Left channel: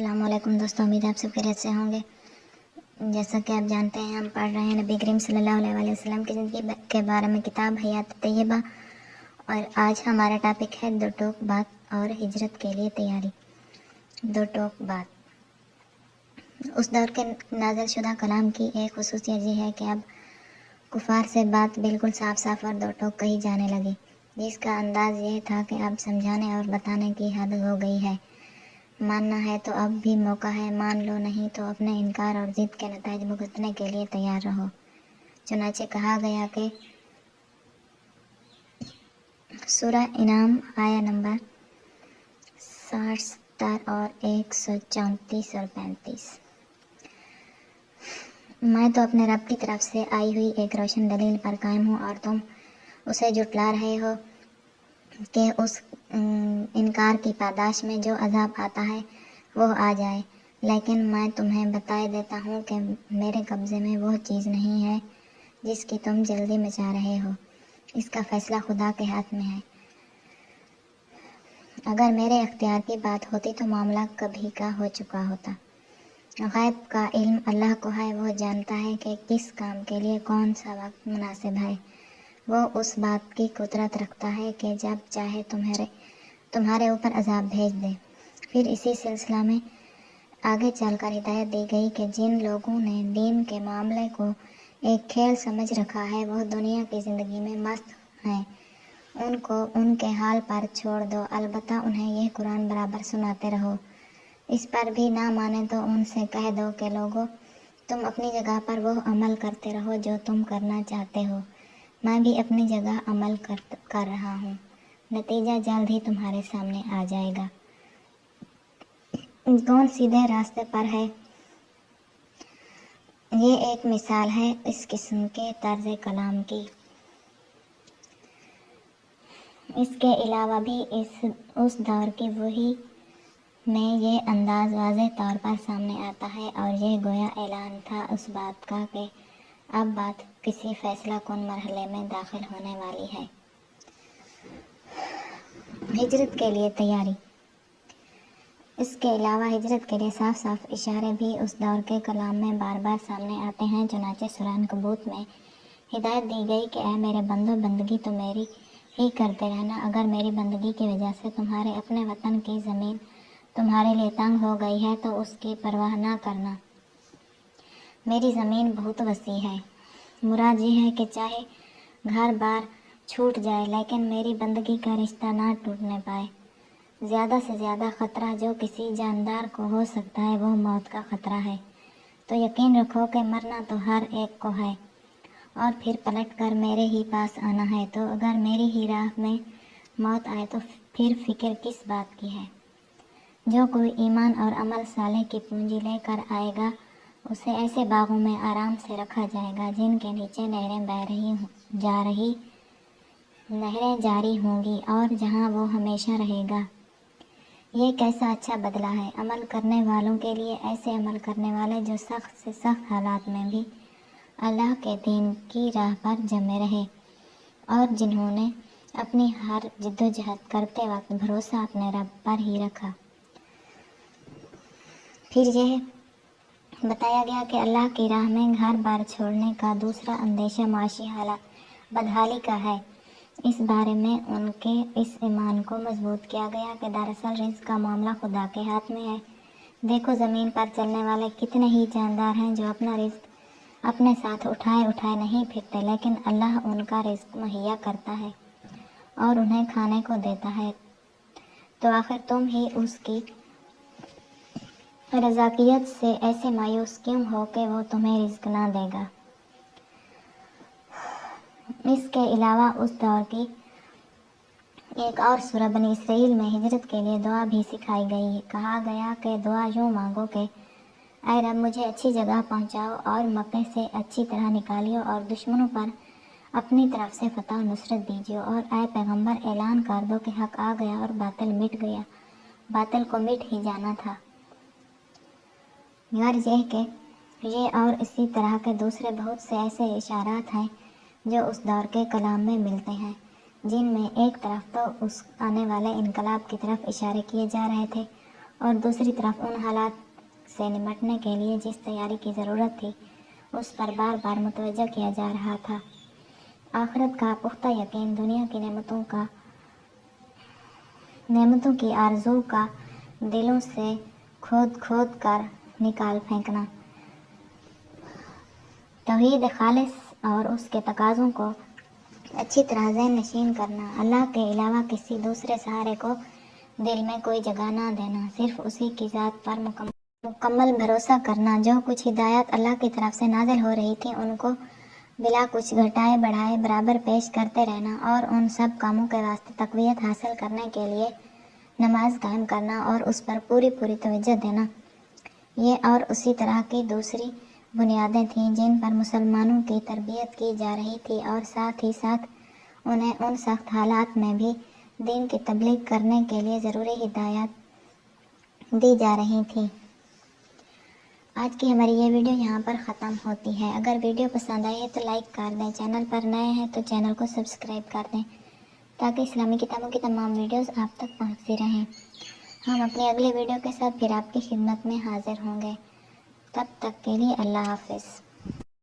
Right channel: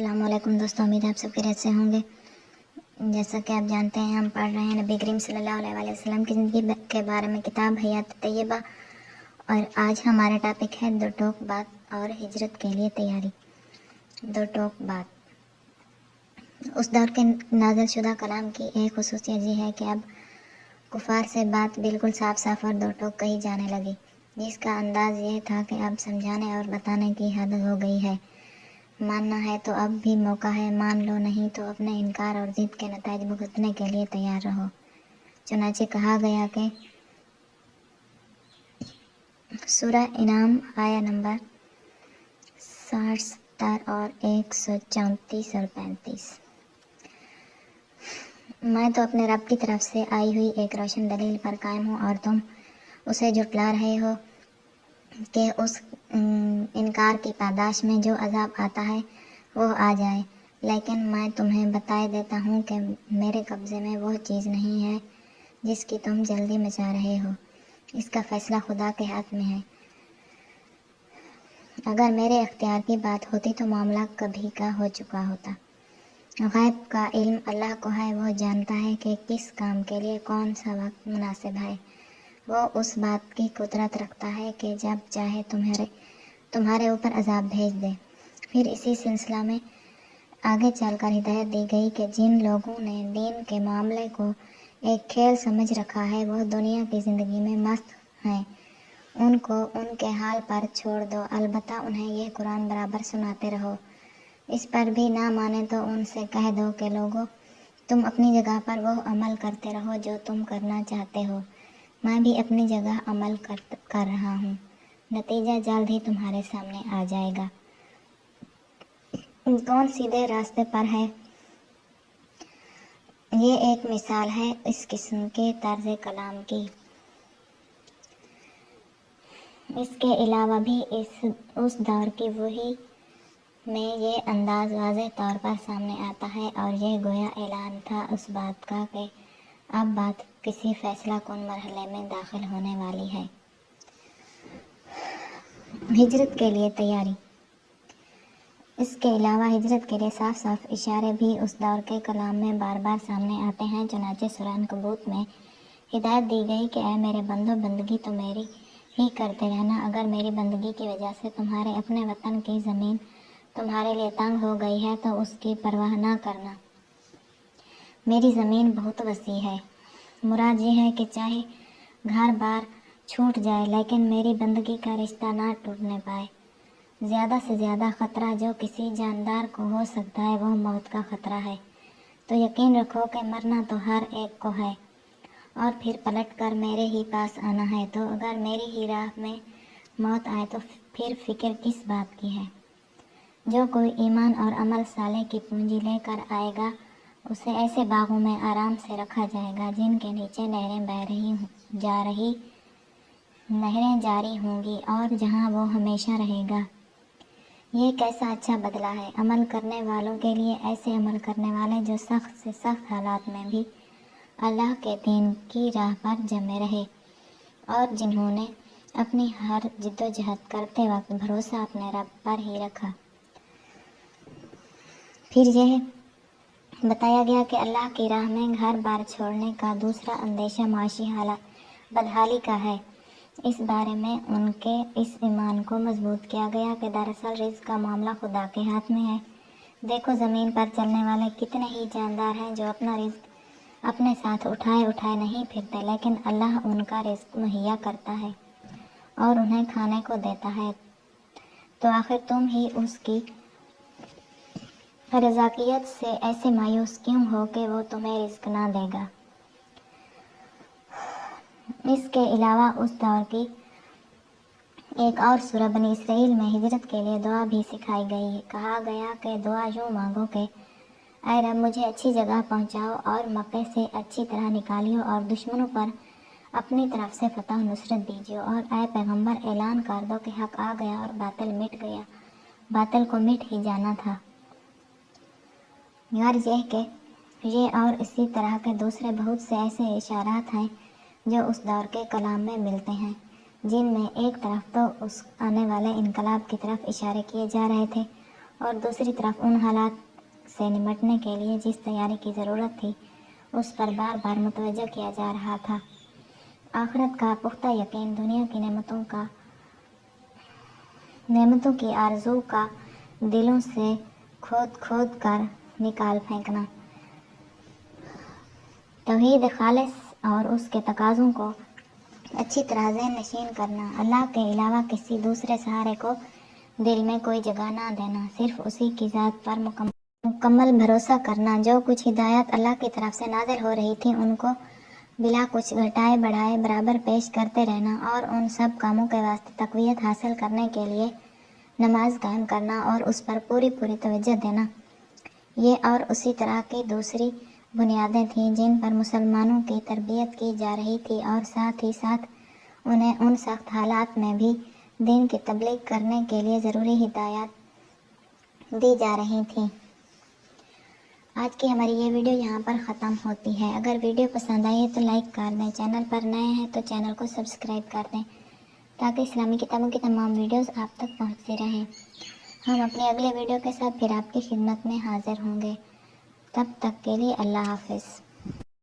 السلام علیکم دوستوں، امید آپ سب خیریت سے ہوں گے۔ جیسا کہ آپ جانتے ہیں، ہم پڑھ رہے ہیں نبی کریم صلی اللہ علیہ وسلم کی زندگی کے بارے میں کتاب حیات طیبہ، اور آج ہمارا ٹاپک ہے 2 ٹوک بات اور ہجرت کے لیے تیاری۔ 2 ٹوک بات۔ اس دور کے نازل شدہ کلام کی ایک خصوصیت یہ ہے کہ اب کفار سے بات بالکل صاف صاف اور 2 ٹوک کہی جانے لگی، جس کا انداز یہ تھا کہ اب سمجھانے اور بتانے کی حد ہو گئی ہے۔ ماننا ہے تو اب بھی موقع ہے، مان لو نہیں تو اپنے انکار اور ضد کے نتائج بھگتنے کے لیے تیار رہو۔ چنانچہ کہا گیا کہ سورہ انعام آیہ نمبر 60 70 اور 134 اور 35۔ میں تو اپنے رب کی طرف سے آئی ہوئی ایک روشن دلیل پر قائم ہوں، اور تم اسے جھٹلا رہے ہو کہ اس انکار کی پاداش میں جو عذاب آتا ہے وہ آ جائے۔ لیکن میں تمہیں بتائے دیتا ہوں کہ میرے قبضے میں وہ چیز نہیں ہے جس کی تم جلدی مچا رہے ہو، اس کا فیصلہ خدا کے ہاتھ میں ہے۔ اگر میرے اختیار کی بات ہوتی تو معاملہ کبھی کا ہو چکا ہوتا۔ غیب کا علم اللہ کو ہے، وہ جانتا ہے کہ کس کام کے لیے کون سا وقت مناسب ہے۔ وہ اس بات کی قدرت رکھتا ہے کہ جب چاہے تمہارے اوپر عذاب بھیج دے۔ پھر اسی سلسلہ میں آگے چل کر ہدایت دی گئی کہ جن لوگوں نے دین کے معاملے کو ایک کھیل سمجھ رکھا ہے، وہ دنیا کی زندگی میں مست ہیں، ان کو ان کے حال پر چھوڑ دو، البتہ انہیں یہ قرآن برابر سناتے رہو۔ اس پر بھی نہ مانے تو ان سے کہہ دو کہ لوگوں، تم اپنی جگہ پر وہ عمل کرتے رہو جو تم کرنا چاہتے ہو، میں بھی اپنی جگہ عمل کر رہا ہوں، نتیجہ جلد ہی تمہارے سامنے آ جائے گا۔ کون سیدھے راستے پر ہے؟ یہ ایک مثال ہے اس قسم کے طرز کلام کی۔ اس کے علاوہ بھی اس دور کی وحی میں یہ انداز واضح طور پر سامنے آتا ہے، اور یہ گویا اعلان تھا اس بات کا کہ اب بات کسی فیصلہ کن مرحلے میں داخل ہونے والی ہے۔ ہجرت کے لیے تیاری۔ اس کے علاوہ ہجرت کے لیے صاف صاف اشارے بھی اس دور کے کلام میں بار بار سامنے آتے ہیں۔ چنانچہ سورہ عنکبوت میں ہدایت دی گئی کہ اے میرے بندو، بندگی تو میری ہی کرتے رہنا، اگر میری بندگی کی وجہ سے تمہارے اپنے وطن کی زمین تمہارے لیے تنگ ہو گئی ہے تو اس کی پرواہ نہ کرنا، میری زمین بہت وسیع ہے۔ مراد یہ ہے کہ چاہے گھر بار چھوٹ جائے لیکن میری بندگی کا رشتہ نہ ٹوٹنے پائے۔ زیادہ سے زیادہ خطرہ جو کسی جاندار کو ہو سکتا ہے وہ موت کا خطرہ ہے، تو یقین رکھو کہ مرنا تو ہر ایک کو ہے، اور پھر پلٹ کر میرے ہی پاس آنا ہے۔ تو اگر میری ہی راہ میں موت آئے تو پھر فکر کس بات کی ہے؟ جو کوئی ایمان اور عمل صالح کی پونجی لے کر آئے گا، اسے ایسے باغوں میں آرام سے رکھا جائے گا جن کے نیچے نہریں جاری ہوں گی، اور جہاں وہ ہمیشہ رہے گا۔ یہ کیسا اچھا بدلہ ہے عمل کرنے والوں کے لیے، ایسے عمل کرنے والے جو سخت سے سخت حالات میں بھی اللہ کے دین کی راہ پر جمے رہے، اور جنہوں نے اپنی ہر جدوجہد کرتے وقت بھروسہ اپنے رب پر ہی رکھا۔ پھر یہ بتایا گیا کہ اللہ کی راہ میں گھر بار چھوڑنے کا دوسرا اندیشہ معاشی بدحالی کا ہے۔ اس بارے میں ان کے اس ایمان کو مضبوط کیا گیا کہ دراصل رزق کا معاملہ خدا کے ہاتھ میں ہے۔ دیکھو زمین پر چلنے والے کتنے ہی جاندار ہیں جو اپنا رزق اپنے ساتھ اٹھائے نہیں پھرتے، لیکن اللہ ان کا رزق مہیا کرتا ہے اور انہیں کھانے کو دیتا ہے، تو آخر تم ہی اس کی رزاقیت سے ایسے مایوس کیوں ہو کہ وہ تمہیں رزق نہ دے گا؟ اس کے علاوہ اس دور کی ایک اور سورہ بنی اسرائیل میں ہجرت کے لیے دعا بھی سکھائی گئی۔ کہا گیا کہ دعا یوں مانگو کہ اے رب، مجھے اچھی جگہ پہنچاؤ اور مکے سے اچھی طرح نکالیو، اور دشمنوں پر اپنی طرف سے فتح و نصرت دیجیو، اور اے پیغمبر اعلان کر دو کہ حق آ گیا اور باطل مٹ گیا، باطل کو مٹ ہی جانا تھا۔ غرض یہ کہ یہ اور اسی طرح کے دوسرے بہت سے ایسے اشارات ہیں جو اس دور کے کلام میں ملتے ہیں، جن میں ایک طرف تو اس آنے والے انقلاب کی طرف اشارے کیے جا رہے تھے، اور دوسری طرف ان حالات سے نمٹنے کے لیے جس تیاری کی ضرورت تھی اس پر بار بار متوجہ کیا جا رہا تھا۔ آخرت کا پختہ یقین، دنیا کی نعمتوں کی آرزو کا دلوں سے کھود کھود کر نکال پھینکنا، توحید خالص اور اس کے تقاضوں کو اچھی طرح ذہن نشین کرنا، اللہ کے علاوہ کسی دوسرے سہارے کو دل میں کوئی جگہ نہ دینا، صرف اسی کی ذات پر مکمل بھروسہ کرنا، جو کچھ ہدایات اللہ کی طرف سے نازل ہو رہی تھیں ان کو بلا کچھ گھٹائے بڑھائے برابر پیش کرتے رہنا، اور ان سب کاموں کے واسطے تقویت حاصل کرنے کے لیے نماز قائم کرنا اور اس پر پوری توجہ دینا۔ یہ اور اسی طرح کی دوسری بنیادیں تھیں جن پر مسلمانوں کی تربیت کی جا رہی تھی، اور ساتھ ہی ساتھ انہیں ان سخت حالات میں بھی دین کی تبلیغ کرنے کے لیے ضروری ہدایات دی جا رہی تھیں۔ آج کی ہماری یہ ویڈیو یہاں پر ختم ہوتی ہے۔ اگر ویڈیو پسند آئی ہے تو لائک کر دیں، چینل پر نئے ہیں تو چینل کو سبسکرائب کر دیں تاکہ اسلامی کتابوں کی تمام ویڈیوز آپ تک پہنچتی رہیں۔ ہم اپنی اگلی ویڈیو کے ساتھ پھر آپ کی خدمت میں حاضر ہوں گے۔ تب تک کے لیے اللہ حافظ۔